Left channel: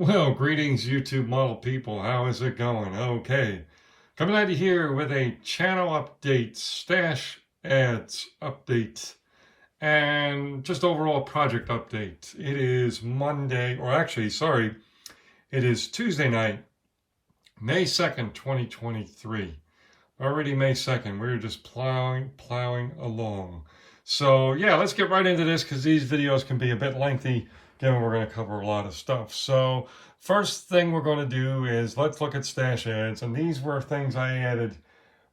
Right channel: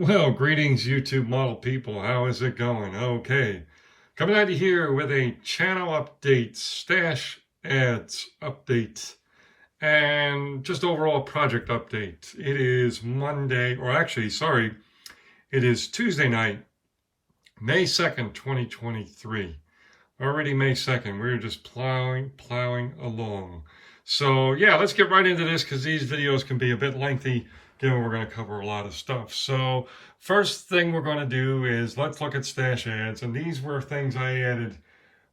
Well, greetings, YouTube model people. How is it going? Okay. Coming at you here with a channel update, stash ads update, and just overall project update. It is Monday, or actually, sorry, it is Tuesday night, May 2nd, 2023. Already May 2nd. We're just plowing along. So yeah, let's get right into this because these videos can be a bit lengthy given we're going to cover a lot of stuff. So first thing we're going to do is let's look at stash ads. And these were things I added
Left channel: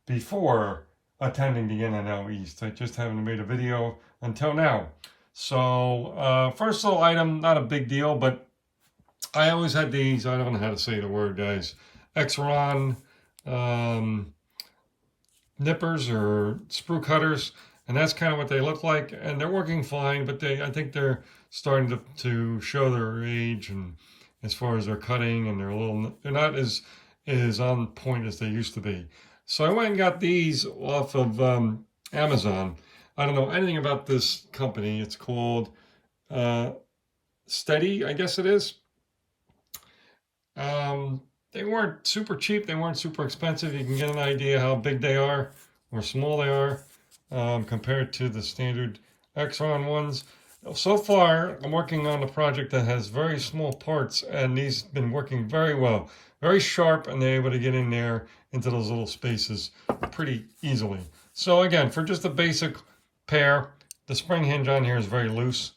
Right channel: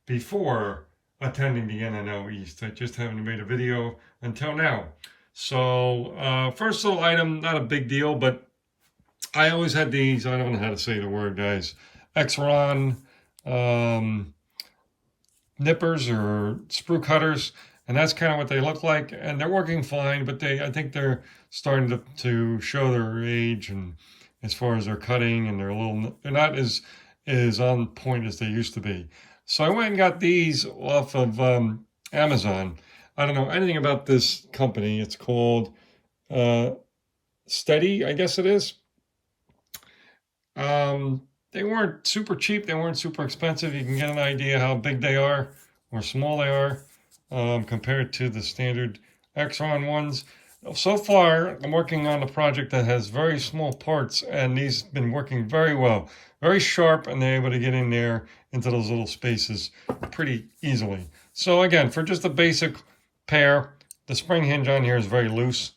before attending the In-N-Out East. I just haven't made a video until now. So first little item, not a big deal, but I always had these, I don't know how to say the word, guys, Exron nippers or sprue cutters, and that's kind of what they look like, and they're working fine, but I think they're starting to show their age, and as far as their cutting, and they're not as on point as they used to be. So I went and got these off of Amazon. I don't know anything about this company. It's called Steady, I guess it is. They weren't super cheap. They weren't super expensive. You can get an idea how big they are or small they are compared to the standard Exron ones. So far, I'm working on a project that has very small parts, and these have been working very well. Very sharp, and they're able to get in there into those little spaces pretty easily. So again, for just a basic pair, the spring hinge on here is very loose.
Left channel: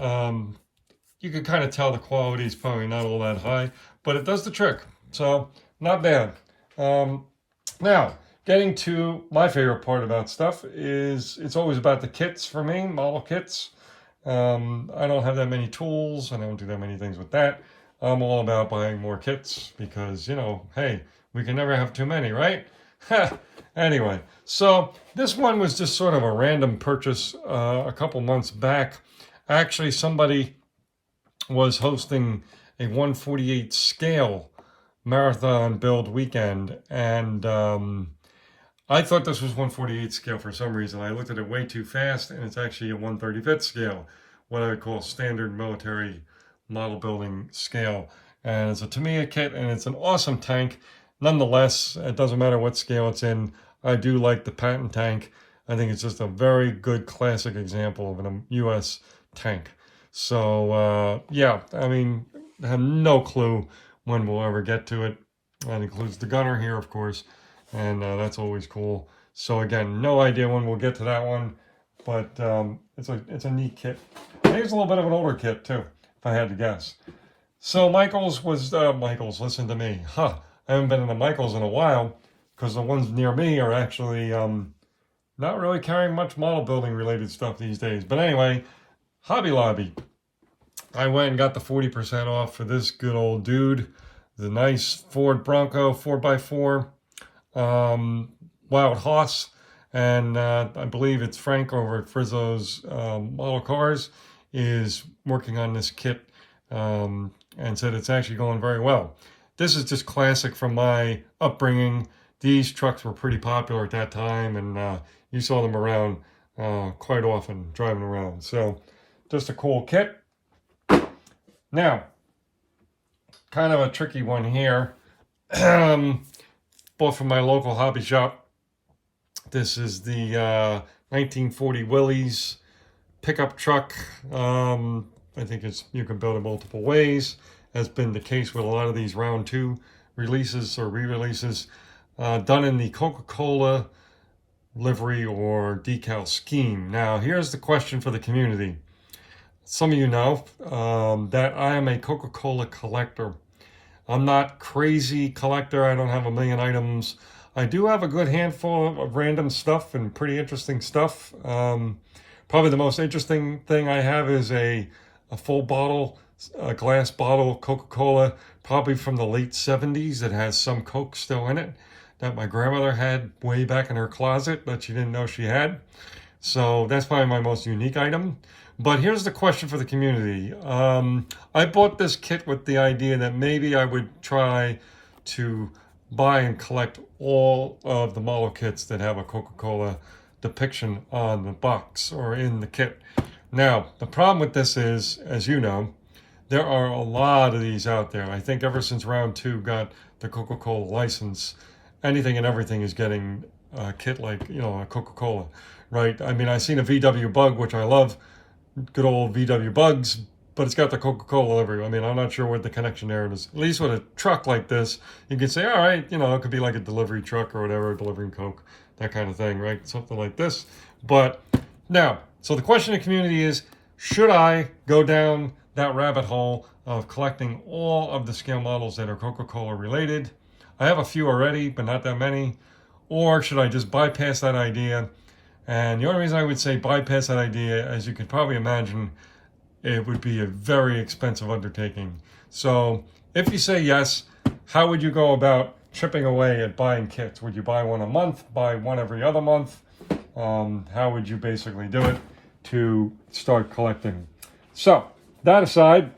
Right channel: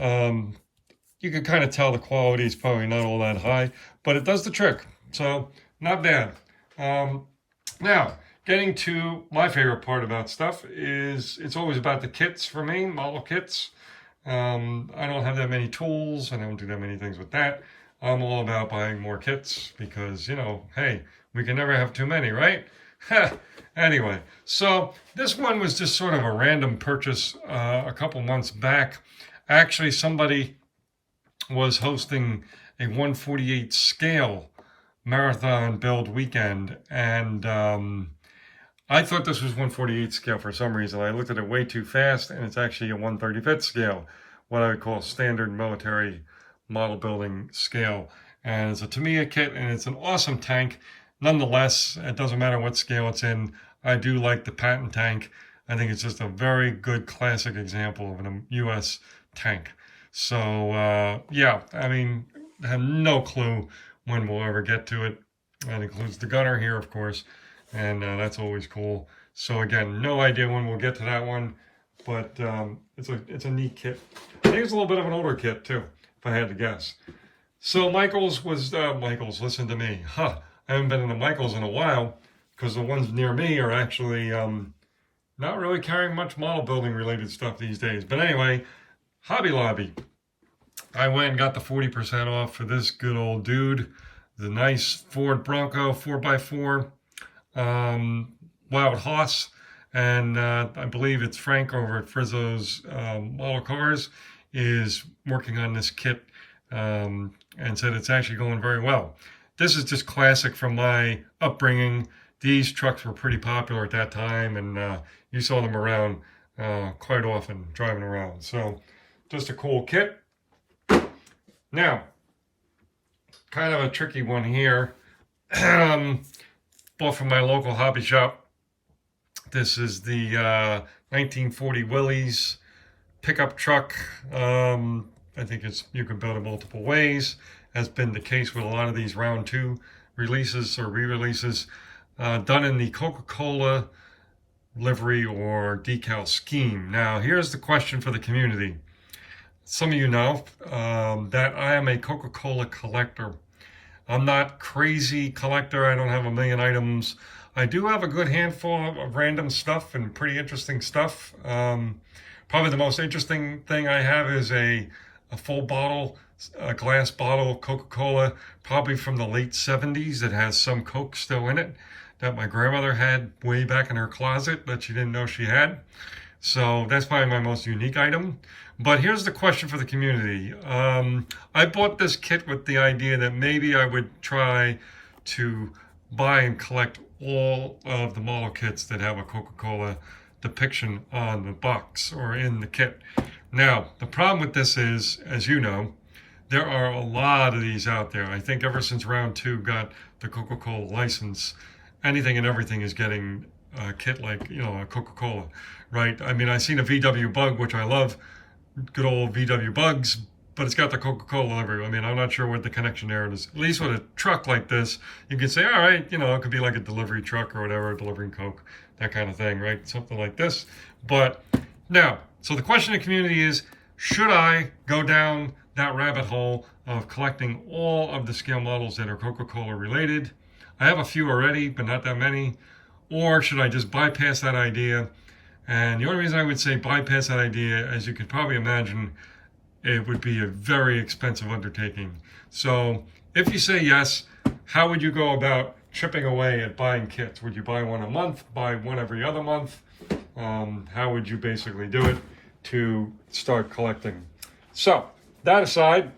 You can kind of tell the quality is probably not all that high, but it does the trick. So not bad. Now, getting to my favorite part about stuff is it's always about the kits for me, model kits. I don't have that many tools. I don't do that many things with that. I'm all about buying more kits because, you know, hey, we can never have too many, right? Anyway, so this one was just sort of a random purchase a couple months back. Actually, somebody was hosting a 1/48 scale marathon build weekend, and I thought this was 1/48 scale for some reason. I looked at it way too fast, and it's actually a 1/35 scale, what I would call standard military model building scale. And it's a Tamiya kit, and it's an awesome tank. Nonetheless, it doesn't matter what scale it's in. I do like the Patton tank. I think it's just a very good classic example of a U.S. tank. So yeah, I mean, I have no clue when we'll ever get to it. That includes the gunner here, of course, and that's always cool. So again, no idea when we'll get to that one, but it's a neat kit. I think it's a little bit of an older kit too, if I had to guess. So Michaels was Michaels. Listen to me, I haven't been in the Michaels in a while because the ones near me are actually not really carrying much model building related stuff these days. But anyway, Hobby Lobby. I went and got the 40% off for this good old dude. The nice Ford Bronco 4x4 Wild Hoss. And I believe it's Frank over at Frizzo's Model Cars is working on this kit and said it's actually going very well. This is just classic from my upbringing. These trucks were pretty popular at that time, and you saw them around quite often driving around. So just a cool kit. Now, kind of a tricky one here. Bought from my local hobby shop. This is the 1940 Willys pickup truck. I think you can build it multiple ways. Has been the case with a lot of these round 2 releases or re-releases. Done in the Coca-Cola livery or decal scheme. Now, here's the question for the community. Some of you know that I am a Coca-Cola collector. I'm not crazy collector. I don't have a million items. I do have a good handful of random stuff and pretty interesting stuff. Probably the most interesting thing I have is a full bottle, a glass bottle of Coca-Cola, probably from the late 70s. It has some Coke still in it that my grandmother had way back in her closet that she didn't know she had. So that's probably my most unique item. But here's the question for the community. I bought this kit with the idea that maybe I would try to buy and collect all of the model kits that have a Coca-Cola depiction on the box or in the kit. Now, the problem with this is, as you know, there are a lot of these out there. I think ever since round 2 got the Coca-Cola license, anything and everything is getting a kit like, you know, a Coca-Cola, right? I mean, I've seen a VW Bug, which I love, good old VW Bugs, but it's got the Coca-Cola everywhere. I mean, I'm not sure what the connection there is. At least with a truck like this, you can say, all right, you know, it could be like a delivery truck or whatever, delivering Coke, that kind of thing, right? Something like this. But now, so the question in the community is, should I go down that rabbit hole of collecting all of the scale models that are Coca-Cola related? I have a few already, but not that many. Or should I just bypass that idea? And the only reason I would say bypass that idea, as you can probably imagine, it would be a very expensive undertaking. So if you say yes, how would you go about chipping away at buying kits? Would you buy one a month, buy one every other month? How would you basically do it to start collecting? So that aside,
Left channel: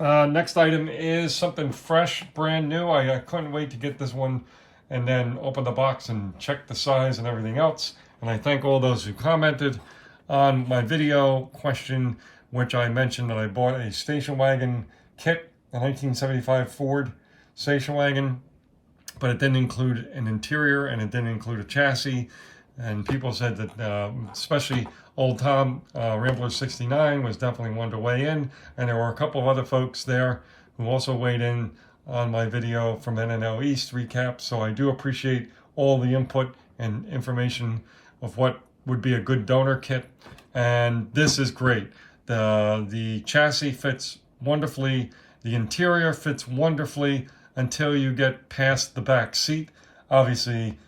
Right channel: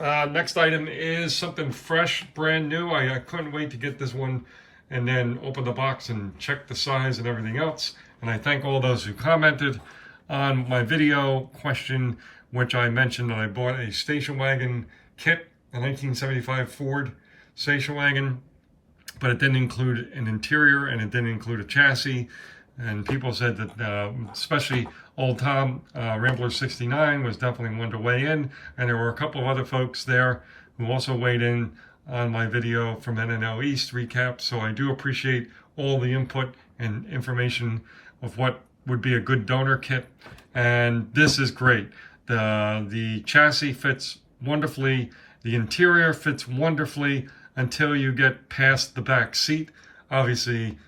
next item is something fresh, brand new. I couldn't wait to get this one and then open the box and check the size and everything else. And I thank all those who commented on my video question, which I mentioned that I bought a station wagon kit, a 1975 Ford station wagon, but it didn't include an interior and it didn't include a chassis. And people said that, especially old Tom, Rambler 69 was definitely one to weigh in. And there were a couple of other folks there who also weighed in on my video from NNL East recap. So I do appreciate all the input and information of what would be a good donor kit. And this is great. The chassis fits wonderfully. The interior fits wonderfully until you get past the back seat. Obviously,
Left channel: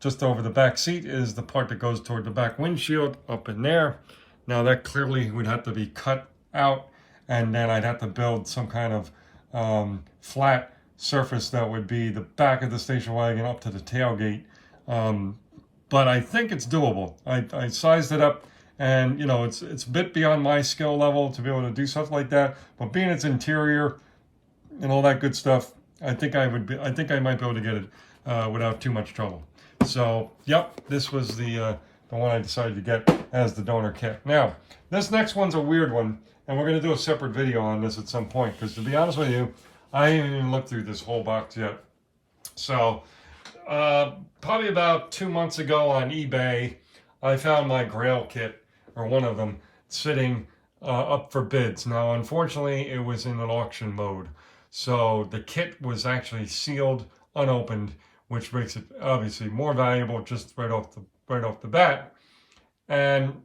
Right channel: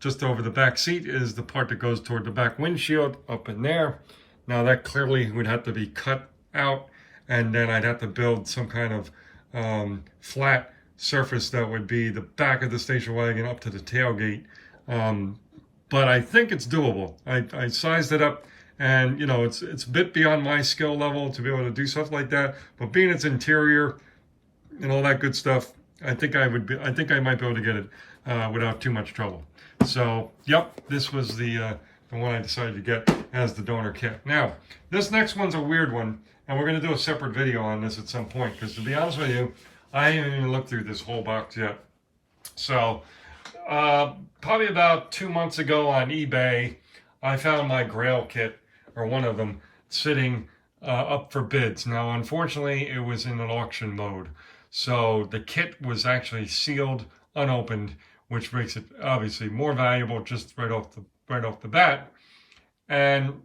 just over the back seat is the part that goes toward the back windshield up in there. Now that clearly would have to be cut out, and then I'd have to build some kind of flat surface that would be the back of the station wagon up to the tailgate. But I think it's doable. I sized it up, and you know, it's a bit beyond my skill level to be able to do stuff like that. But being its interior and all that good stuff, I think I might be able to get it without too much trouble. So, yep, this was the one I decided to get as the donor kit. Now, this next one's a weird one, and we're going to do a separate video on this at some point, because to be honest with you, I haven't even looked through this whole box yet. So, probably about 2 months ago on eBay, I found my Grail kit, or one of them, sitting up for bids. Now, unfortunately, it was in an auction mode. So the kit was actually sealed, unopened, which makes it obviously more valuable just right off the bat. And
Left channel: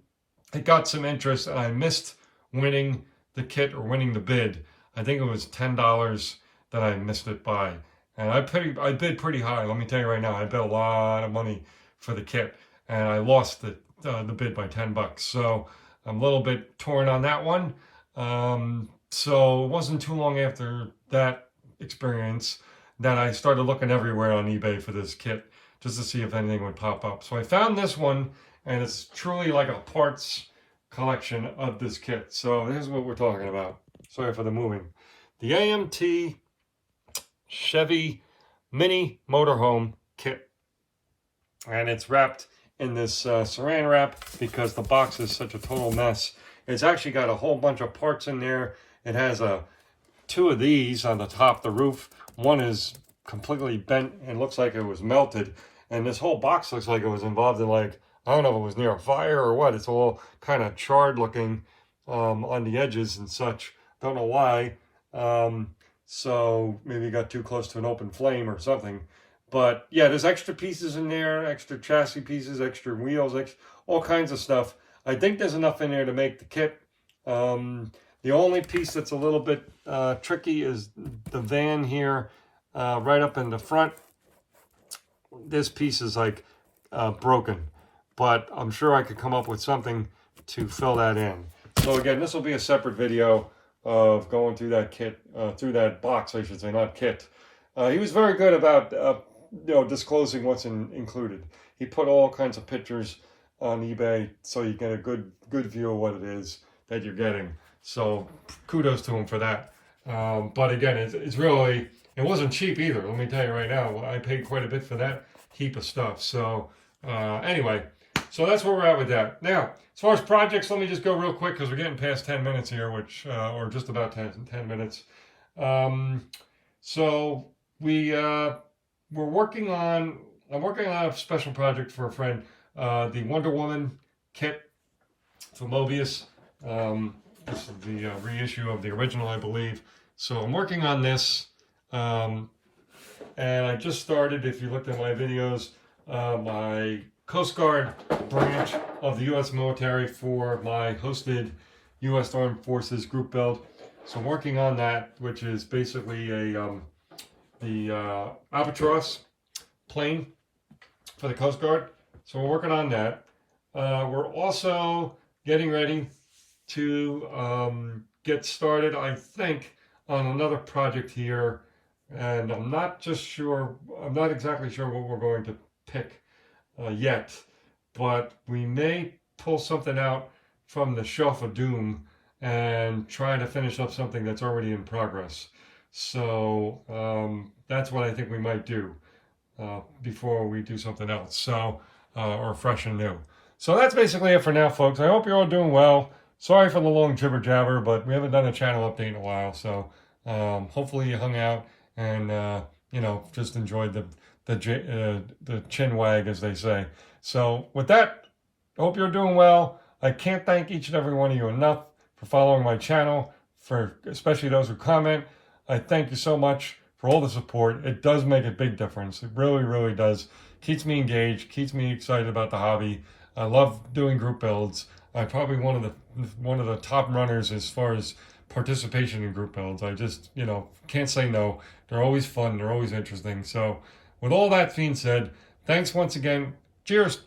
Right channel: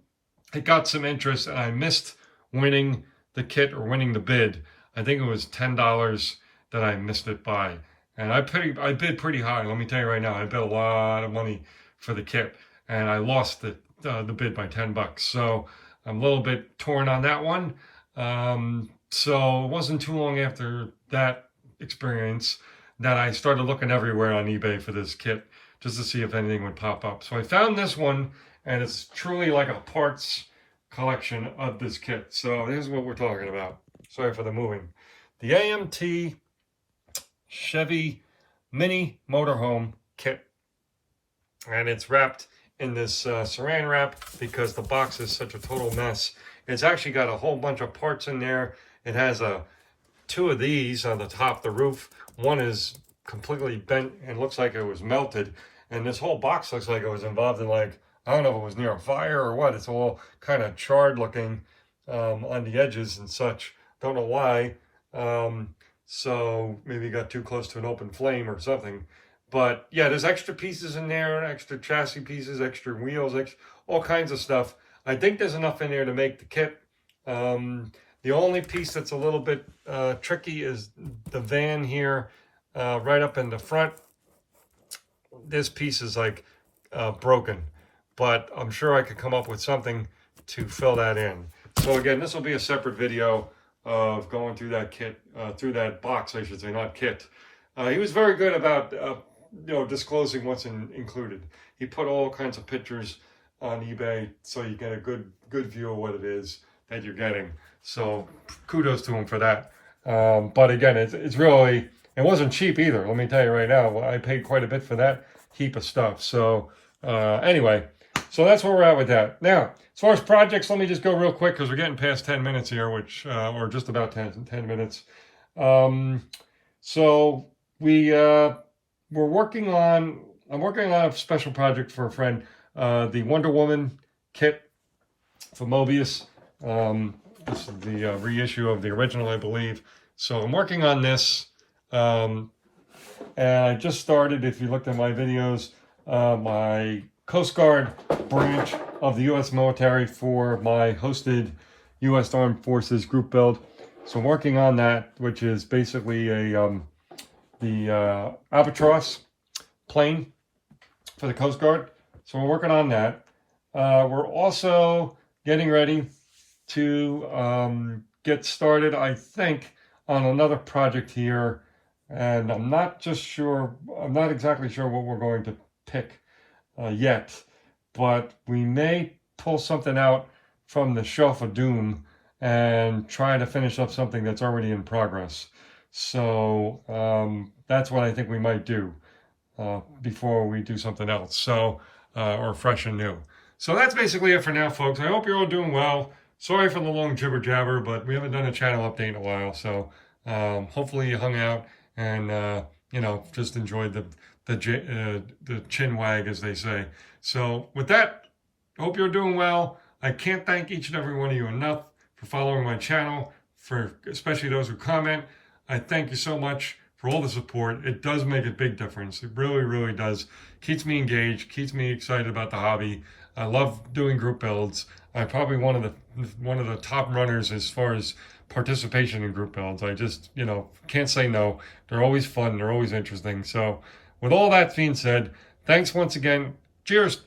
it got some interest, and I missed winning the kit or winning the bid. I think it was $10 that I missed it by. And I bid pretty high. Let me tell you right now, I bid a lot of money for the kit, and I lost the bid by $10. So I'm a little bit torn on that one. So it wasn't too long after that experience that I started looking everywhere on eBay for this kit just to see if anything would pop up. So I found this one, and it's truly like a parts collection of this kit. So here's what we're talking about. Sorry for the moving. The AMT Chevy Mini Motorhome kit. And it's wrapped in this saran wrap because the box is such a total mess. It's actually got a whole bunch of parts in there. It has two of these on the top of the roof. One is completely bent and looks like it was melted. And this whole box looks like it was involved in, like, I don't know if it was near a fire or what. It's all kind of charred looking on the edges and such. Don't know why. So maybe it got too close to an open flame or something. But yeah, there's extra pieces in there, extra chassis pieces, extra wheels, all kinds of stuff. I think there's enough in there to make the kit. The only piece that's a little bit tricky is the van here, right up in the front. This piece is like broken, but I'm sure I could come up with something to fill that in. So again, this will be a separate video of going through that kit, through that box, I should say, not kit. He was very good about disclosing what's included. He put all kinds of pictures on eBay so you get a good view of what it is that you're getting. So kudos to him for that. But again, it's really, it wasn't cheap either. Let me tell you right now, I paid quite a bit for that heap of stuff. So anyway, so that's where we're at with that. Now, As far as projects, let me just go real quick because we're getting past 10 minutes here, which, or just about 10 minutes. So we're working on, I'm working on a special project for a friend, the Wonder Woman kit for Mobius. This is the reissue of the original, I believe. So I'm working on this, and I just started, if you looked at my videos, my Coast Guard branch of the U.S. military for my hosted U.S. Armed Forces group build. So I'm working on that, which is basically the Albatross plane for the Coast Guard. So we're working on that. We're also getting ready to get started, I think, on another project here, and I'm not exactly sure what we're going to pick yet, but we may pull something out from the Shelf of Doom and try to finish up something that's already in progress. So that's what I think we might do before we do something else, so or fresh and new. So that's basically it for now, folks. I hope you're all doing well. Sorry for the long jibber jabber, but we haven't done a channel update in a while, so hopefully you hung out and you know, just enjoyed the chin wag, as they say. So with that, I hope you're doing well. I can't thank each and every one of you enough for following my channel, for especially those who comment. I thank you so much for all the support. It does make a big difference. It really, really does. Keeps me engaged, keeps me excited about the hobby. I love doing group builds. I'm probably one of the top runners as far as participation in group builds. I just, you know, can't say no. They're always fun. They're always interesting. So with all that being said, thanks once again. Cheers.